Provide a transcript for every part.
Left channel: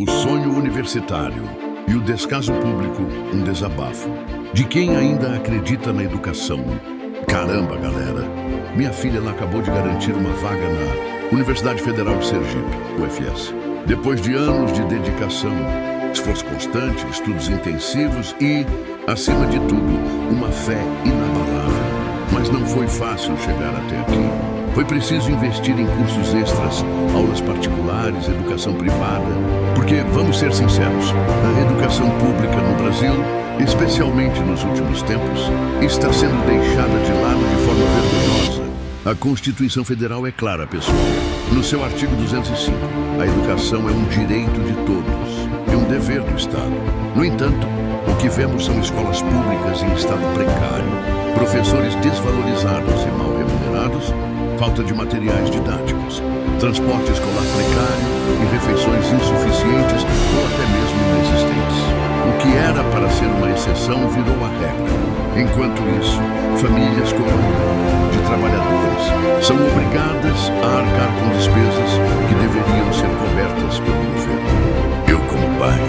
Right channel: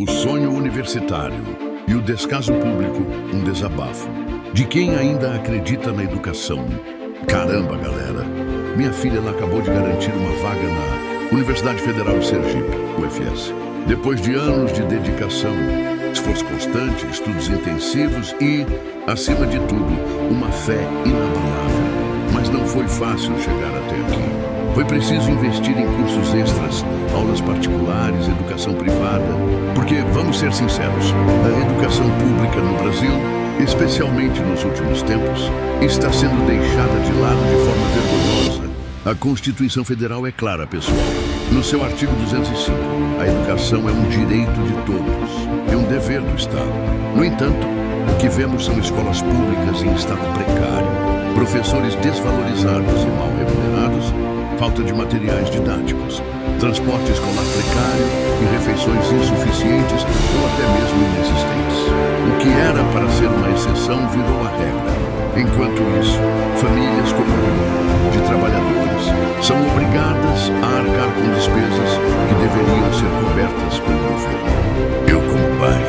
O sonho universitário e o descaso público, um desabafo. De quem ainda acredita na educação. Caramba, galera. Minha filha ela acabou de garantir uma vaga na Universidade Federal de Sergipe, UFS. Depois de anos de dedicação, esforço constante, estudos intensivos e, acima de tudo, uma fé inabalável. Mas não foi fácil chegar até aqui. Foi preciso investir em cursos extras, aulas particulares, educação privada. Porque, vamos ser sinceros, a educação pública no Brasil, especialmente nos últimos tempos, está sendo deixada de lado de forma vergonhosa. A Constituição Federal é clara, pessoal. No seu artigo 205, a educação é um direito de todos e um dever do Estado. No entanto, o que vemos são escolas públicas em estado precário, professores desvalorizados e mal remunerados, falta de materiais didáticos, transporte escolar precário e refeições insuficientes ou até mesmo inexistentes. O que era para ser uma exceção virou a regra. Enquanto isso, famílias como a minha, de trabalhadores, são obrigadas a arcar com despesas que deveriam ser cobertas pelo governo. Eu, como pai,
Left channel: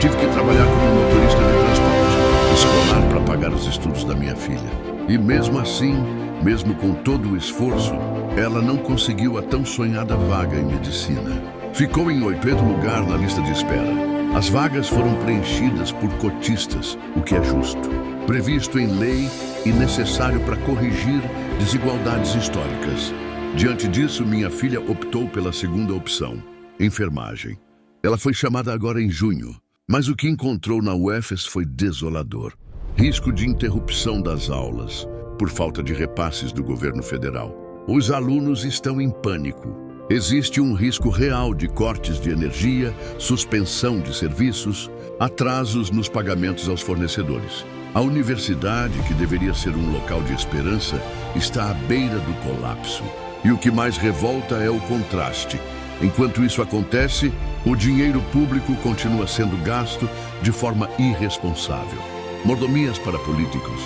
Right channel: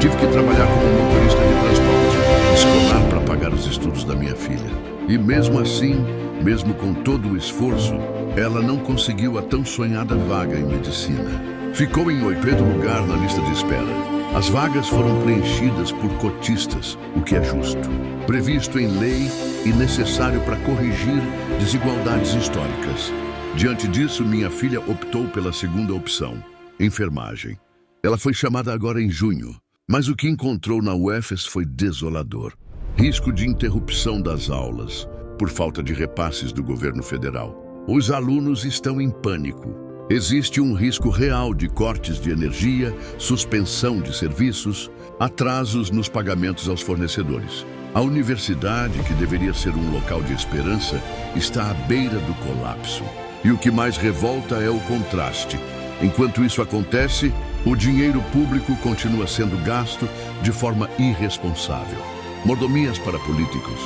tive que trabalhar como motorista de transporte escolar para pagar os estudos da minha filha. E mesmo assim, mesmo com todo o esforço, ela não conseguiu a tão sonhada vaga em medicina. Ficou em 8º lugar na lista de espera. As vagas foram preenchidas por cotistas, o que é justo, previsto em lei e necessário para corrigir desigualdades históricas. Diante disso, minha filha optou pela segunda opção, enfermagem. Ela foi chamada agora em junho, mas o que encontrou na UFES foi desolador. Risco de interrupção das aulas, por falta de repasses do governo federal. Os alunos estão em pânico. Existe um risco real de cortes de energia, suspensão de serviços, atrasos nos pagamentos aos fornecedores. A universidade, que deveria ser um local de esperança, está à beira do colapso. E o que mais revolta é o contraste. Enquanto isso acontece, o dinheiro público continua sendo gasto de forma irresponsável. Mordomias para políticos,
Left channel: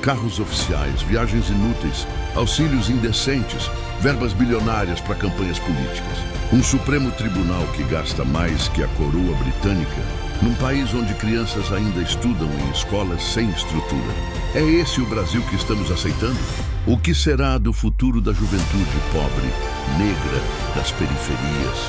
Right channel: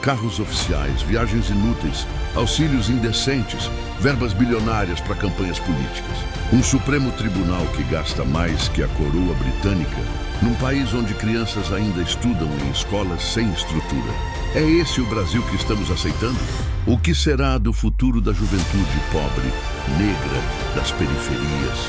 carros oficiais, viagens inúteis, auxílios indecentes, verbas bilionárias para campanhas políticas. Um Supremo Tribunal que gasta mais que a coroa britânica, num país onde crianças ainda estudam em escolas sem estrutura. É esse o Brasil que estamos aceitando? O que será do futuro da juventude pobre, negra, das periferias?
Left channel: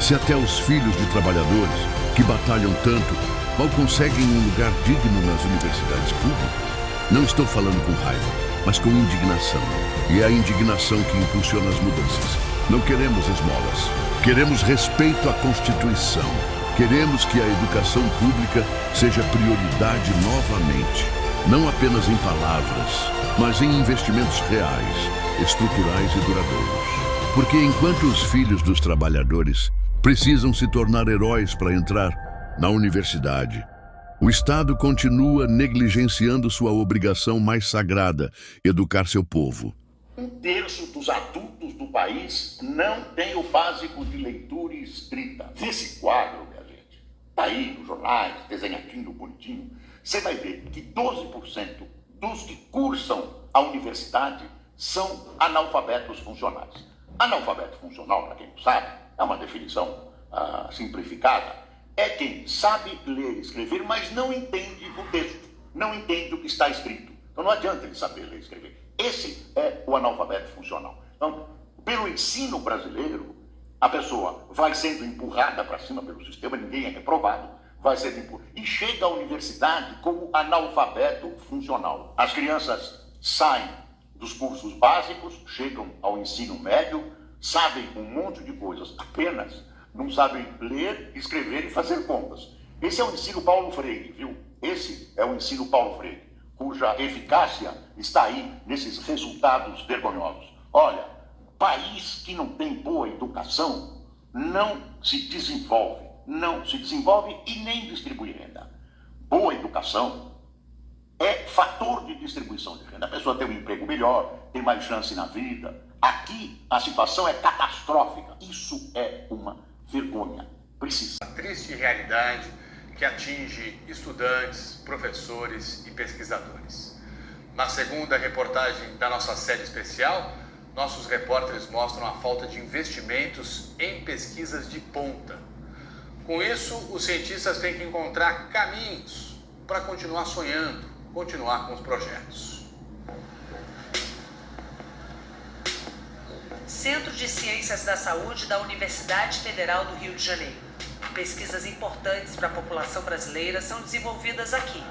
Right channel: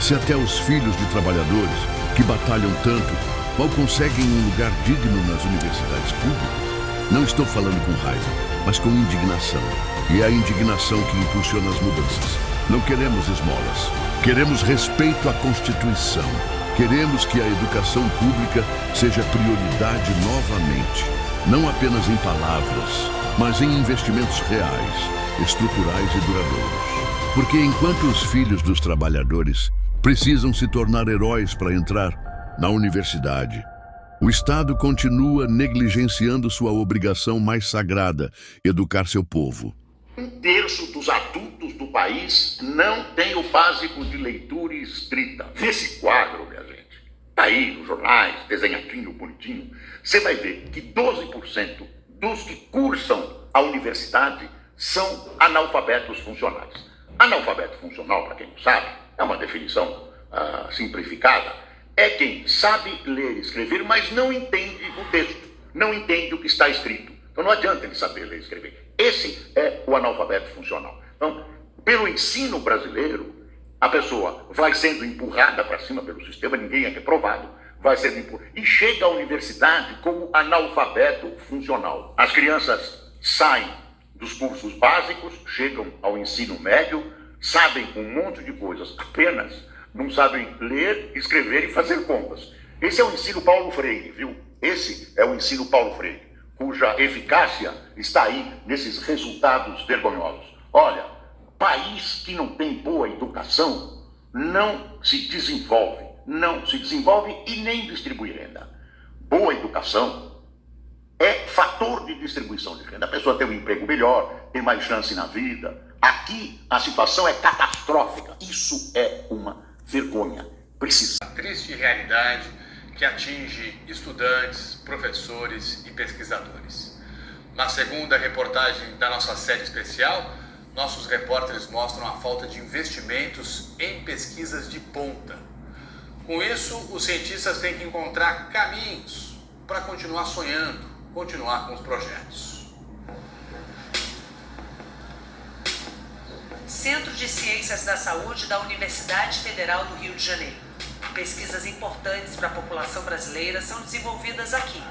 Se até os filhos de trabalhadores, que batalham tanto, mal conseguem um lugar digno nas universidades públicas? Não estou falando com raiva, mas com indignação. E é a indignação que impulsiona as mudanças. Não queremos esmolas. Queremos respeito à Constituição. Queremos que a educação pública seja prioridade novamente. Não apenas em palavras, mas em investimentos reais, estruturais e duradouros. Porque enquanto os filhos dos trabalhadores precisam se tornar heróis para entrar na universidade, o Estado continua negligenciando sua obrigação mais sagrada, educar seu povo. 1/3 dos adultos do país não tem o básico de leitura e escrita. Nesse quadro, minha gente, tá aí nos jornais, desenhadinho, bonitinho, você vai ver que 12% dos que cursam a universidade são analfabetos funcionais. Analfabeto funcional, para quem não sabe, é uma definição simplificada, é quem sabe ler e escrever, mas não entende o texto, não entende o que está escrito. Então não adianta ele saber ler e escrever. Esse é o analfabeto funcional. Então, pelo ensino brasileiro, a pessoa vai sendo empurrada para cima pelo sistema, ninguém é reprovado, vai sendo empurrada, e chega à universidade como analfabeto funcional. As crianças saem dos cursos básicos, chegam ao ensino médio, sabem um monte de coisas, apenas não sabem ler, escrever e fazer contas. Esse é o ensino Paulo Freire, viu? Esse é o ensino Paulo Freire, cuja eficácia está aí nesses resultados vergonhosos. Olha, país que não tem boa educação não se desenvolve e nem distribui renda. Boa educação é fator de distribuição de renda. A pessoa tem um emprego melhor, tem mais chance na vida. Aqui a situação é catastrófica. Isso é uma vergonha. Precisa. A triste realidade que atinge estudantes, professores e pesquisadores. Na segunda reportagem da nossa série especial, nossos repórteres mostram a falta de investimentos em pesquisas de ponta. Com isso, os cientistas têm que encontrar caminhos para continuar sonhando, continuar com os projetos. Centro de Ciências da Saúde da Universidade Federal do Rio de Janeiro. Pesquisas importantes para a população brasileira são desenvolvidas aqui.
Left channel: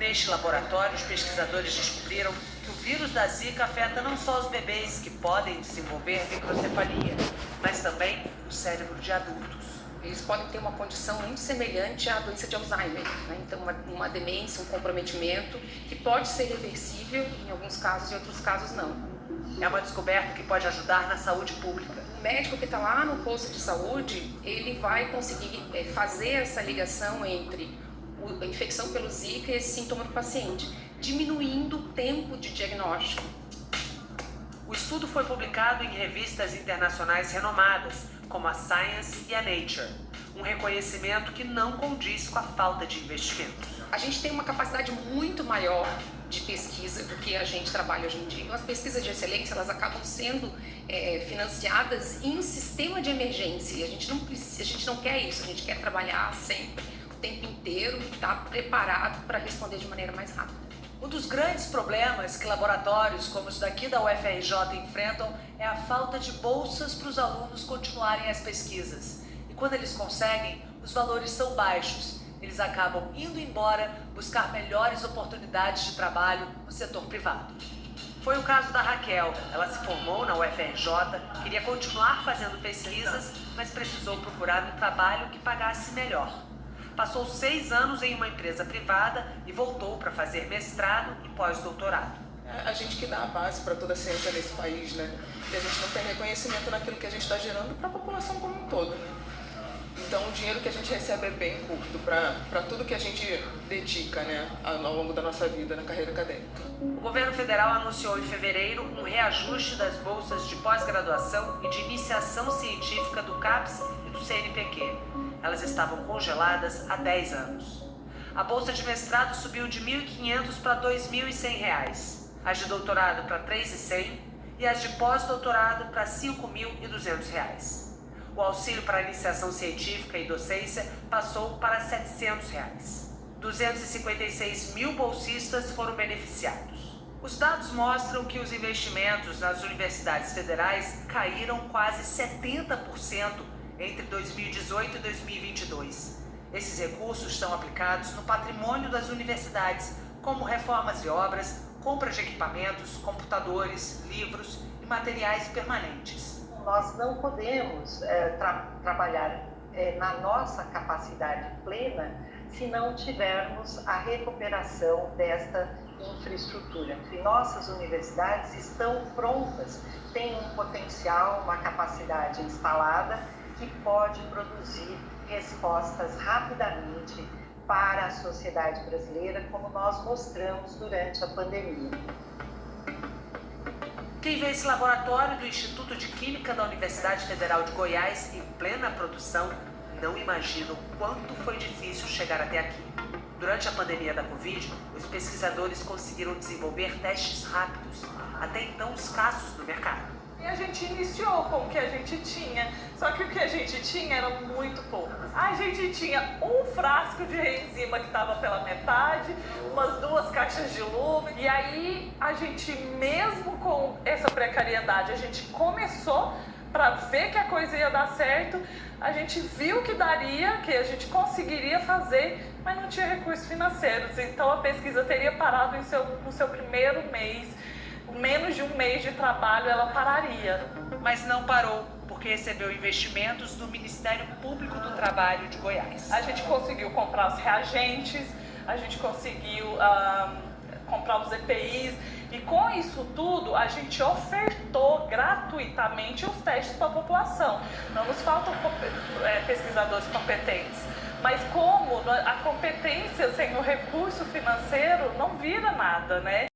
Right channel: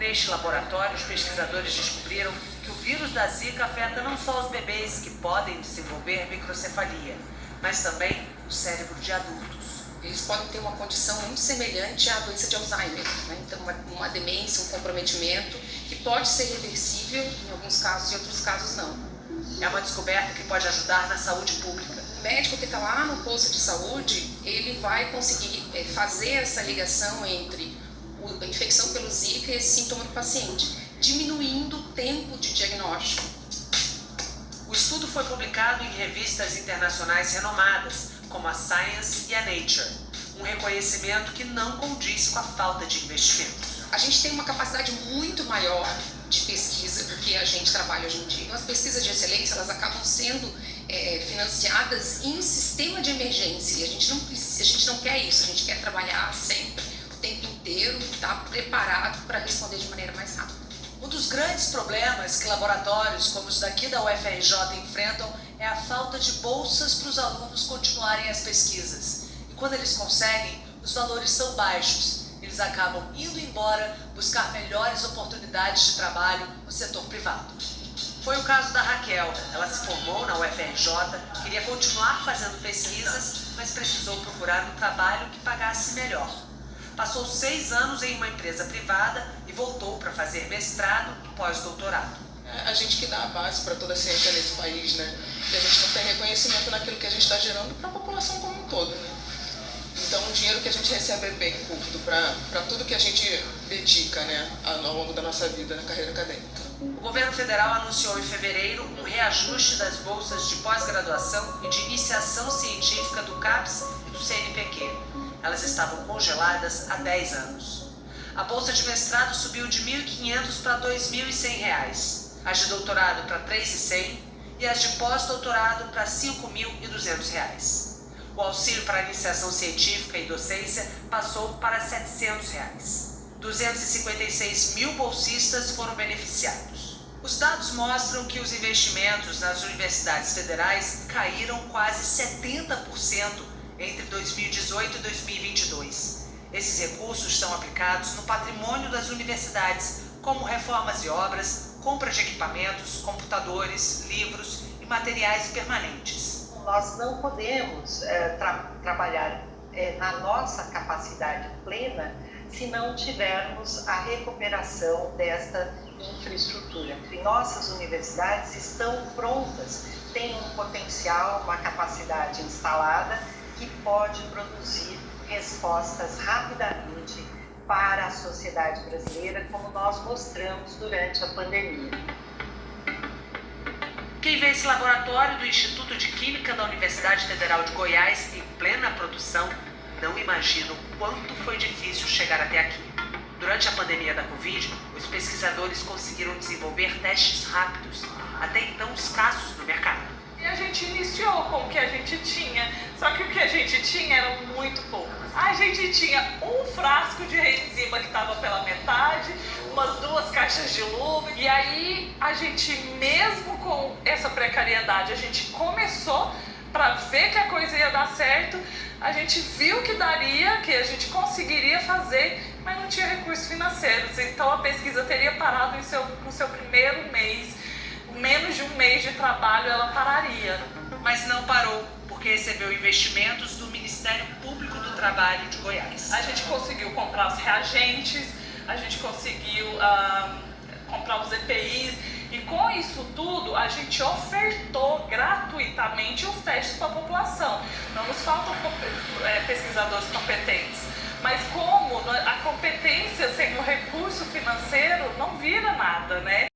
Neste laboratório, os pesquisadores descobriram que o vírus da Zika afeta não só os bebês que podem desenvolver microcefalia, mas também o cérebro de adultos. Eles podem ter uma condição muito semelhante à doença de Alzheimer, né? Então uma demência, um comprometimento que pode ser reversível em alguns casos e em outros casos não. É uma descoberta que pode ajudar na saúde pública. O médico que está lá no posto de saúde, ele vai conseguir fazer essa ligação entre a infecção pelo Zika e esse sintoma do paciente, diminuindo o tempo de diagnóstico. O estudo foi publicado em revistas internacionais renomadas, como a Science e a Nature, um reconhecimento que não condiz com a falta de investimento. A gente tem uma capacidade muito maior de pesquisa do que a gente trabalha hoje em dia. As pesquisas de excelência, elas acabam sendo financiadas em sistema de emergência, e a gente não quer isso, a gente quer trabalhar sempre, o tempo inteiro, estar preparado para responder de maneira mais rápida. Um dos grandes problemas que laboratórios como os daqui da UFRJ enfrentam é a falta de bolsas para os alunos continuarem as pesquisas. E quando eles conseguem, os valores são baixos. Eles acabam indo embora buscar melhores oportunidades de trabalho no setor privado. Foi o caso da Raquel. Ela se formou na UFRJ, queria continuar fazendo pesquisas, mas precisou procurar um trabalho que pagasse melhor. Passou 6 anos em uma empresa privada e voltou para fazer mestrado e pós-doutorado. A gente que dá a base para toda a ciência nesse país, né? E a gente não tem reconhecimento naquilo que a gente está gerando para a população como um todo, né? Então o dinheiro que a gente recebe é bem curto para tudo que a gente dedica, né, ao longo da nossa vida na carreira acadêmica. O governo federal anunciou em fevereiro um reajuste das bolsas de pós-graduação e de iniciação científica do CAPES e do CNPq. Elas estavam congeladas há 10 anos. A bolsa de mestrado subiu de R$ 1.500 para R$ 2.100, as de doutorado para R$ 3.100 e as de pós-doutorado para R$ 5.200. O auxílio para a iniciação científica e docência passou para R$ 700. 256 mil bolsistas foram beneficiados. Os dados mostram que os investimentos nas universidades federais caíram quase 70% entre 2018 e 2022. Esses recursos são aplicados no patrimônio das universidades, como reformas e obras, compra de equipamentos, computadores, livros e materiais permanentes. Nós não podemos trabalhar na nossa capacidade plena se não tivermos a recuperação desta infraestrutura. E nossas universidades estão prontas, têm um potencial, uma capacidade instalada que pode produzir respostas rapidamente para a sociedade brasileira, como nós mostramos durante a pandemia. Quem vê esse laboratório do Instituto de Química da Universidade Federal de Goiás em plena produção, não imagina o quanto foi difícil chegar até aqui. Durante a pandemia da Covid, os pesquisadores conseguiram desenvolver testes rápidos, até então escassos no mercado. E a gente iniciou com o que a gente tinha, só que o que a gente tinha era muito pouco. A gente tinha um frasco de enzima que estava pela metade, umas 2 caixas de lume, e aí a gente, mesmo com essa precariedade, a gente começou para ver que a coisa ia dar certo, a gente viu que daria, que a gente conseguiria fazer, mas não tinha recursos financeiros, então a pesquisa teria parado no seu primeiro mês. Menos de um mês de trabalho ela pararia. Mas não parou, porque recebeu investimentos do Ministério Público do Trabalho de Goiás. A gente conseguiu comprar os reagentes, a gente conseguiu comprar os EPIs, e com isso tudo a gente ofertou gratuitamente os testes para a população. Não nos faltam pesquisadores competentes, mas como a competência sem o recurso financeiro não vira nada, né?